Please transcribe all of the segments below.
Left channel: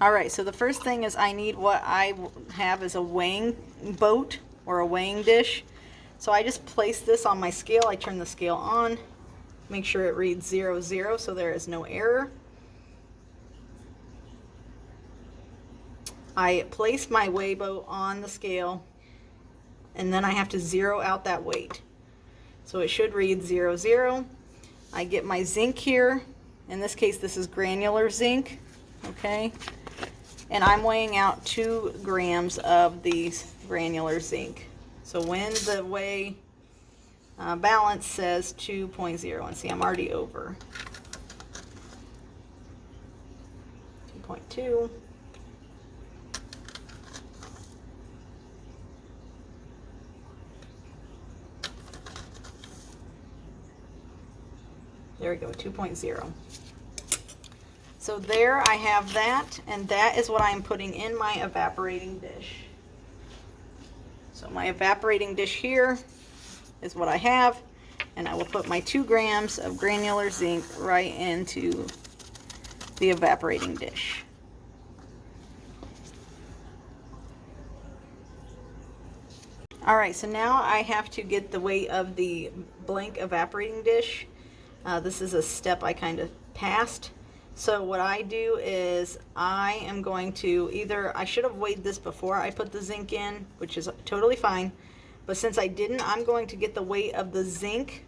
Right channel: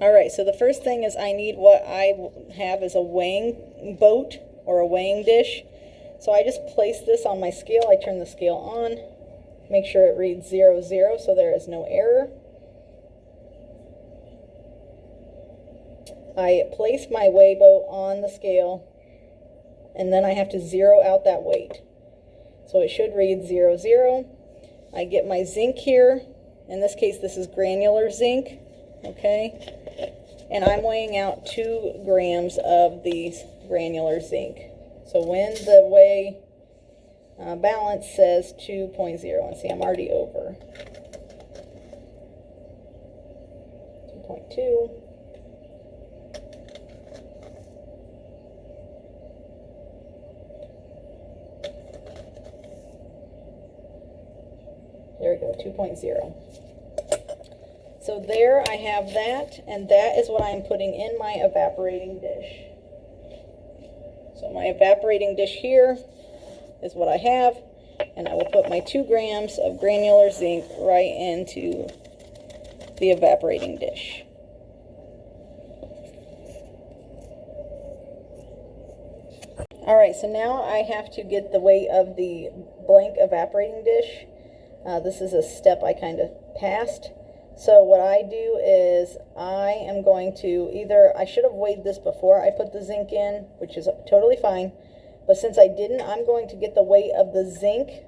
Alright, so the first thing is I need what I have is a weighing boat or a weighing dish. So I just place this on my scale. I turn the scale on, make sure it reads 0, 0, so there is no error. I place my weigh boat on the scale, and then I have to zero out that weight. So it should read 0, 0. I get my zinc here. In this case, this is granular zinc, okay? And I'm weighing out 2 grams of these granular zinc. So when the weigh balance says 2.0, and see, I'm already over. 2.2. There we go, 2.0. So there I have that, and that is what I'm putting in my evaporating dish. So my evaporating dish here is what I have, and I will put my 2 grams of granular zinc right into the evaporating dish. Alright, so now I have to get the weight of the blank evaporating dish. This is a step I kind of passed. So what I do is I am going to I should have weighed this before I put the zinc in, which is totally fine. But since I didn't, I'm going to get the weight of the zinc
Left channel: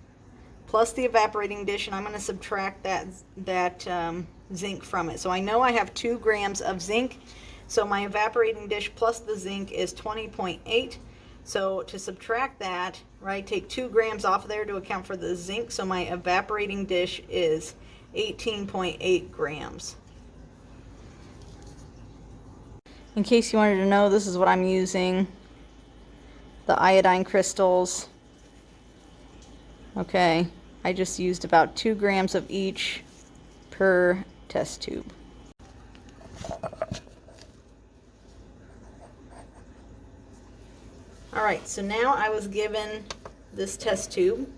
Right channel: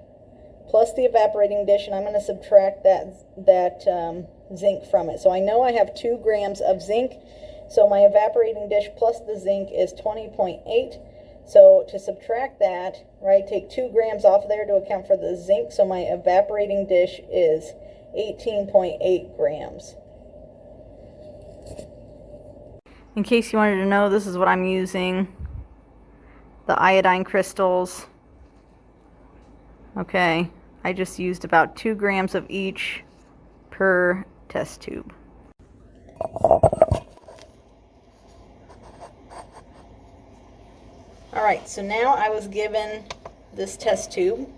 plus the evaporating dish, and I'm going to subtract that zinc from it. So I know I have 2 grams of zinc. So my evaporating dish plus the zinc is 20.8. So to subtract that, right, take 2 grams off of there to account for the zinc. So my evaporating dish is 18.8 grams. In case you wanted to know, this is what I'm using. The iodine crystals. Okay, I just used about 2 grams of each per test tube. Alright, so now I was given this test tube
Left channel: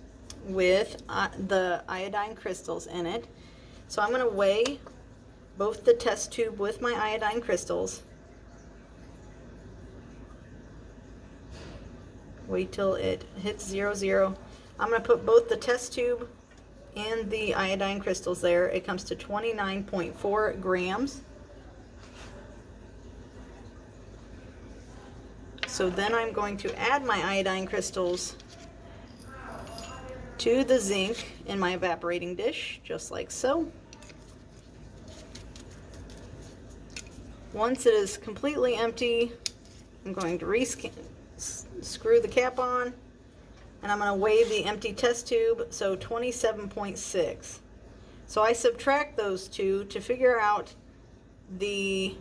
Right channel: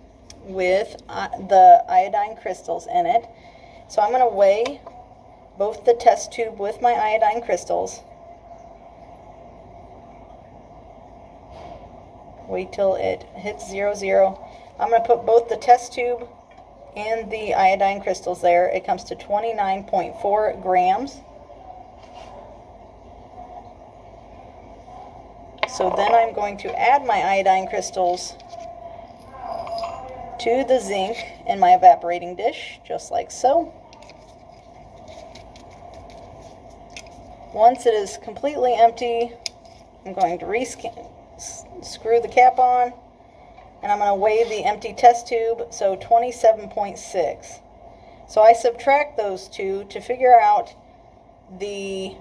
with the iodine crystals in it. So I'm going to weigh both the test tube with my iodine crystals. Wait till it hits 0, 0. I'm going to put both the test tube and the iodine crystals there. It comes to 29.4 grams. So then I'm going to add my iodine crystals to the zinc in my evaporating dish, just like so. Once it is completely empty, I'm going to screw the cap on, and I'm going to weigh the empty test tube, so 27.6. So I subtract those two to figure out the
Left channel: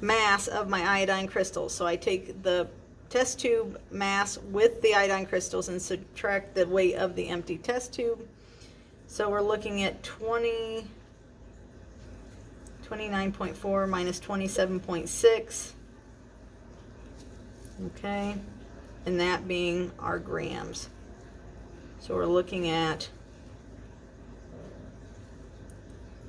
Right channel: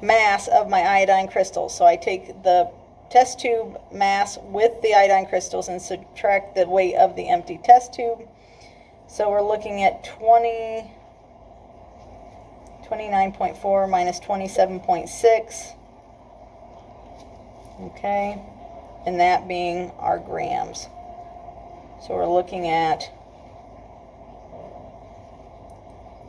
mass of my iodine crystals. So I take the test tube mass with the iodine crystals and subtract the weight of the empty test tube. So we're looking at 29.4 minus 27.6. Okay, and that being our grams. So we're looking at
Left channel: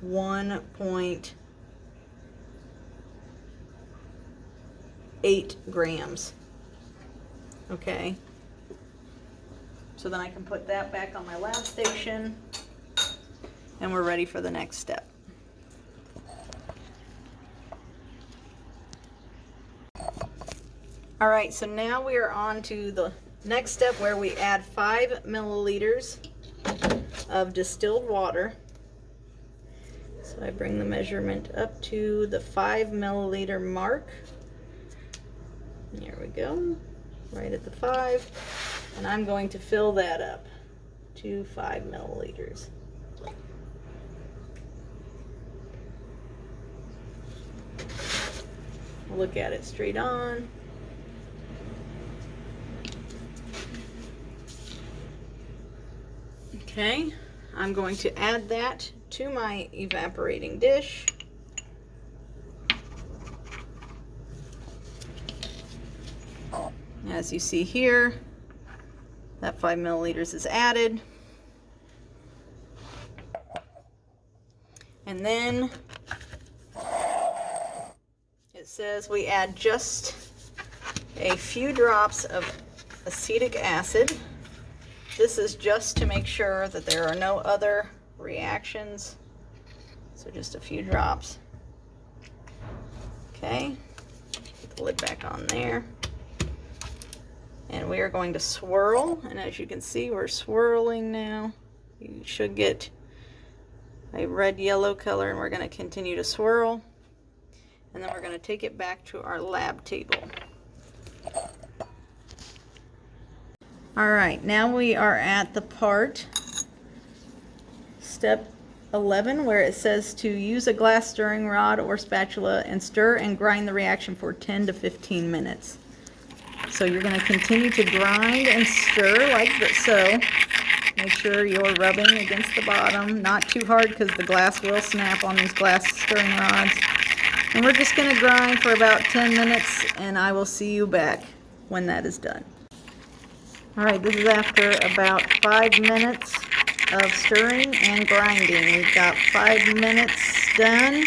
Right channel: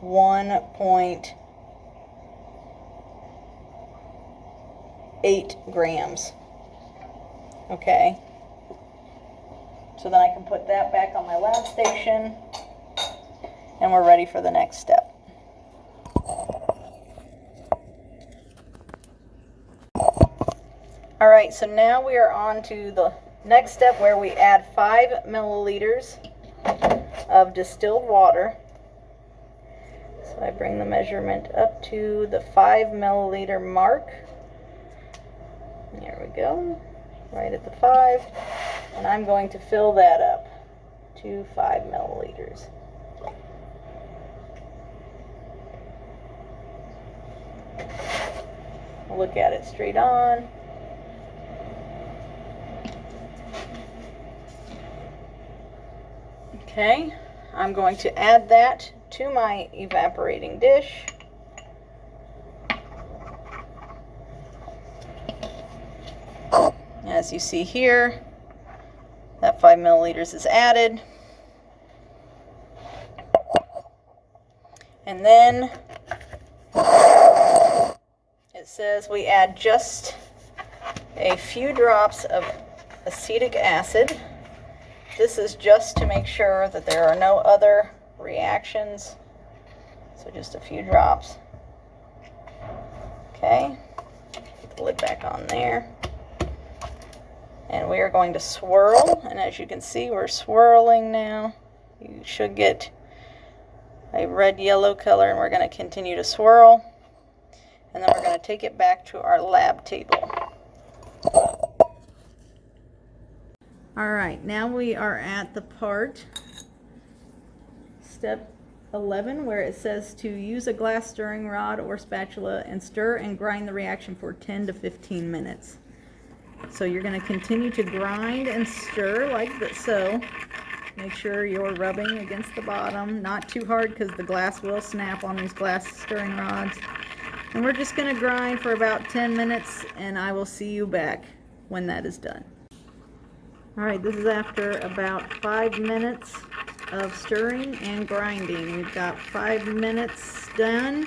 1.8 grams. Okay, so then I can put that back on my lab station, and we're ready for the next step. Alright, so now we are on to the next step where we add 5 milliliters of distilled water. So I bring the measurement up to the 5 milliliter mark. There we go, right at the 5. And I'm going to fill that up to 5 milliliters. Look at it straight on. Okay, I'm going to add that to my evaporating dish. As you see here, that 5 milliliters is added. And then it says we add just a few drops of acetic acid. This is just to make sure that there are no other reactions. So just a few drops. Okay, put the lid back on there. And we are going to swirl, and as you can see, we're swirling now. You should get a red-yellow color, and we're going to continue to swirl. And then we're going to take it back to our lab table. All right, now we are at the part, step 11, where it says to use a glass stirring rod or spatula and stir and grind the reaction for 10 to 15 minutes. So you're going to continue to grind and stir like so. Make sure you're rubbing against the bottom, not too hard because the glass will snap on these glass stirring rods. And we're just going to grind for about 10 minutes, and I will see you back when that is done. All right, this is after about 5 minutes of stirring and grinding. We've got 5 minutes done,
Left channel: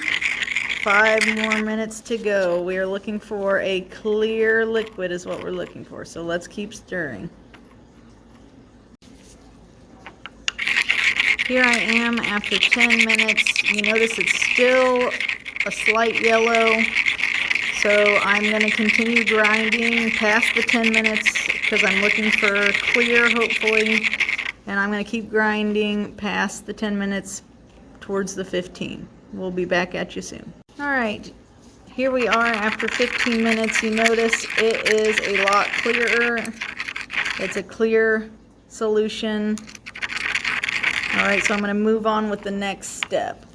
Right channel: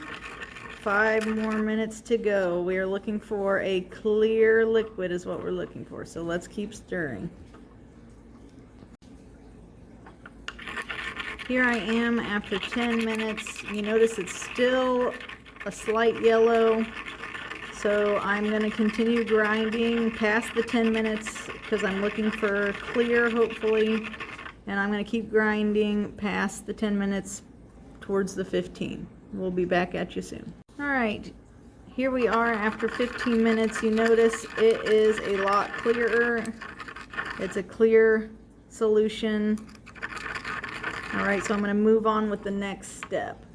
5 more minutes to go. We are looking for a clear liquid is what we're looking for, so let's keep stirring. Here I am after 10 minutes. You notice it's still a slight yellow, so I'm going to continue grinding past the 10 minutes because I'm looking for clear, hopefully. And I'm going to keep grinding past the 10 minutes towards the 15. We'll be back at you soon. All right, here we are after 15 minutes. You notice it is a lot clearer. It's a clear solution. All right, so I'm going to move on with the next step.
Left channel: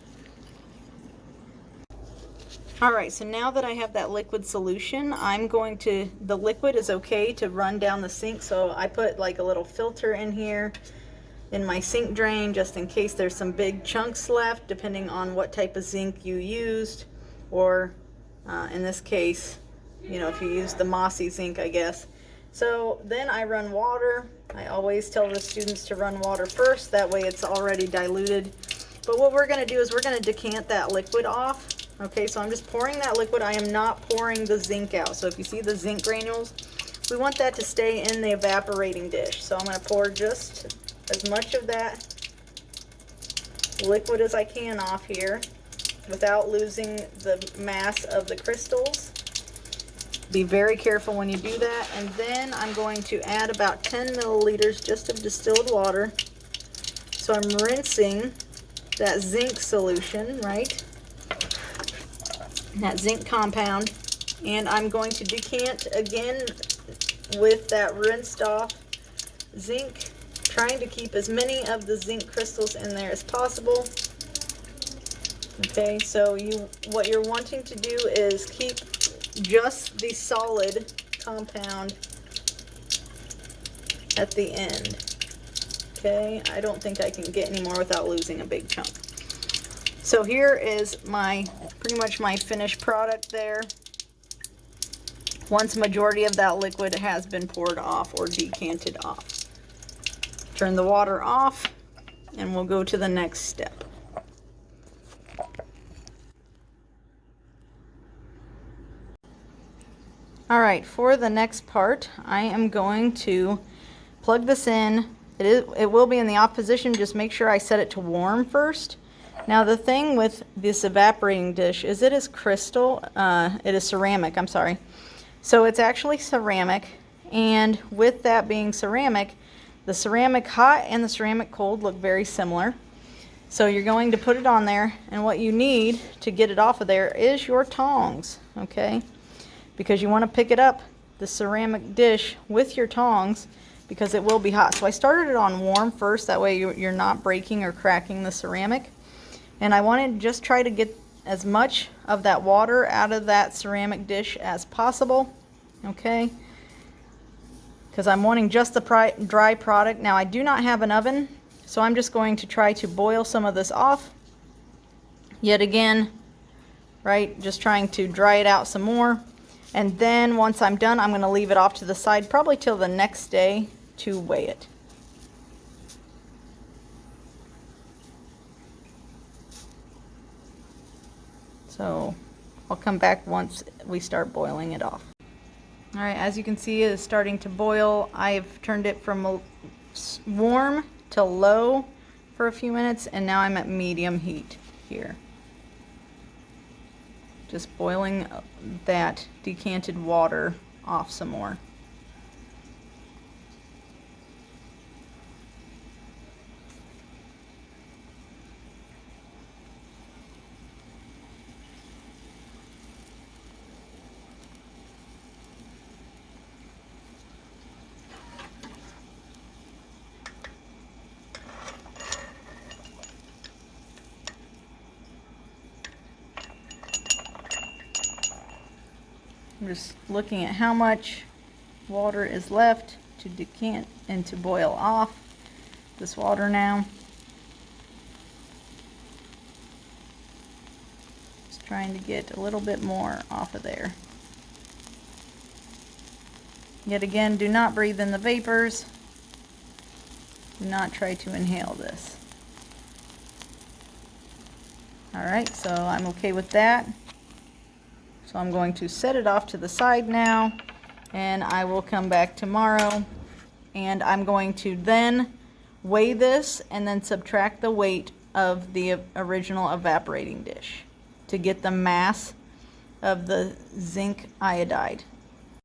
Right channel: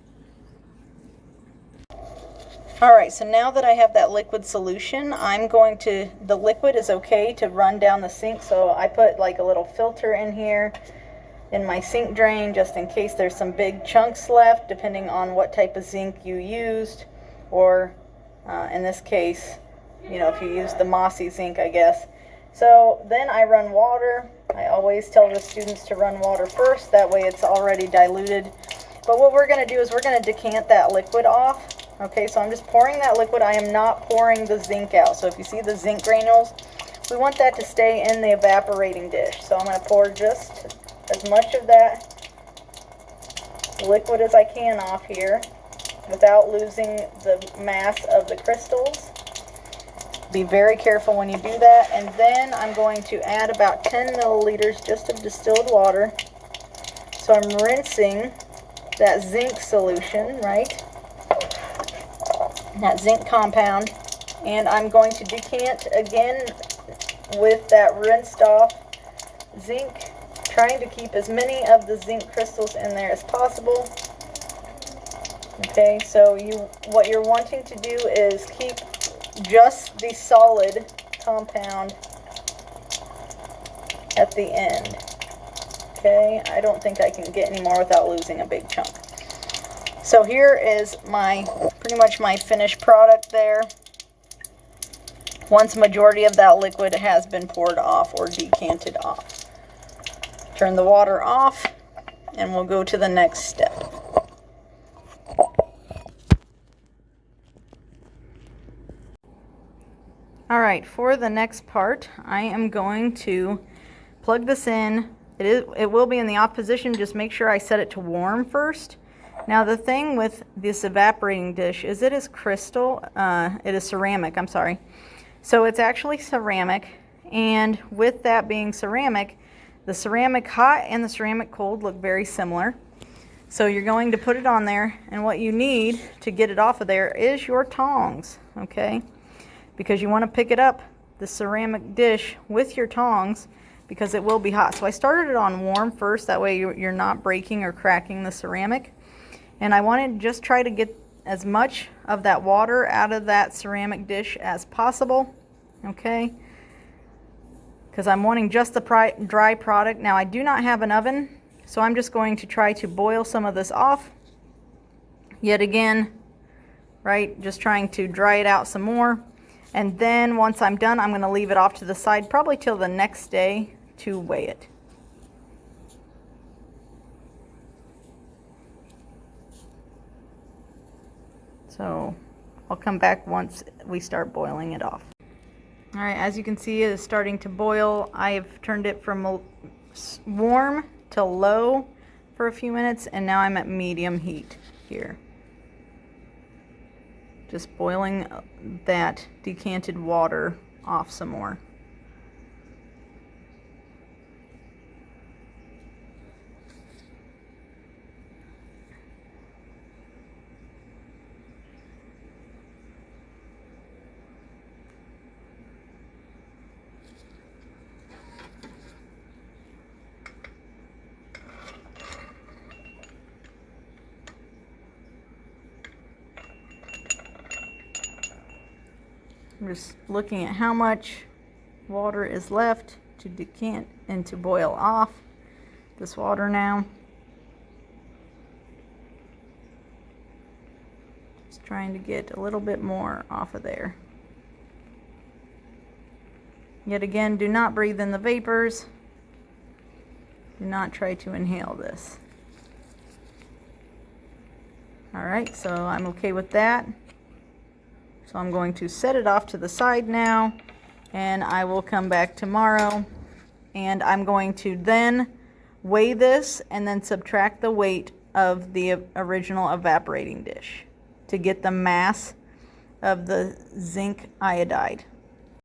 All right, so now that I have that liquid solution, the liquid is okay to run down the sink, so I put like a little filter in here in my sink drain just in case there's some big chunks left, depending on what type of zinc you used, or in this case, you know, if you use the mossy zinc, I guess. So then I run water. I always tell the students to run water first, that way it's already diluted. But what we're going to do is we're going to decant that liquid off. Okay, so I'm just pouring that liquid. I am not pouring the zinc out. So if you see the zinc granules, we want that to stay in the evaporating dish. So I'm going to pour just as much of that liquid as I can off here without losing the mass of the crystals. Be very careful when you do that. And then I'm going to add about 10 milliliters just of distilled water. So I'm rinsing that zinc solution, right? That zinc compound. And I'm going to decant again with that rinsed off zinc, trying to keep as many of the zinc crystals in there as possible. Okay, so what you're wanting to do is keep just the solid compound at the end. Okay, I don't think I can get any more without losing a big chunk. So here is pretty much my finished product there. Once majority of that liquid has been poured off or decanted off. Turn the water off and we'll go to the next step. All right, for the next part, I am going to plug this in. It will be in the off position. Just make sure I set it to warm first. Now the thing with this evaporating dish is it is ceramic, I'm sorry. So it's actually ceramic, and with that being ceramic, the ceramic hot and the ceramic cold look very similar. So you're going to put it on there, and what you need to get it off of there is your tongs, okay? Because you want to pick it up, the ceramic dish, with your tongs, because it will be hot. So I started it on warm first, that way you're not breaking or cracking the ceramic. And I want to just try to get as much of that water out of that ceramic dish as possible, okay? Because I'm wanting just the dry product. Now I do not have an oven, so I'm just going to try to boil some of this off. Yet again, right, just trying to dry it out some more. And then once I'm done, I'm going to leave it off to the side, probably till the next day to weigh it. So I'll come back once we start boiling it off. All right, as you can see, it is starting to boil. I've turned it from warm to low for a few minutes, and now I'm at medium heat here. Just boiling that decanted water off some more. I'm just looking at how much water is left to decant and to boil off this water now. Just trying to get a little bit more off of there. Yet again, do not breathe in the vapors. Do not try to inhale this. All right, so I'm okay with that. So I'm going to set it off to the side now, and I will come back tomorrow, and I'm going to then weigh this and then subtract the weight of the original evaporating dish to get the mass of the zinc iodide.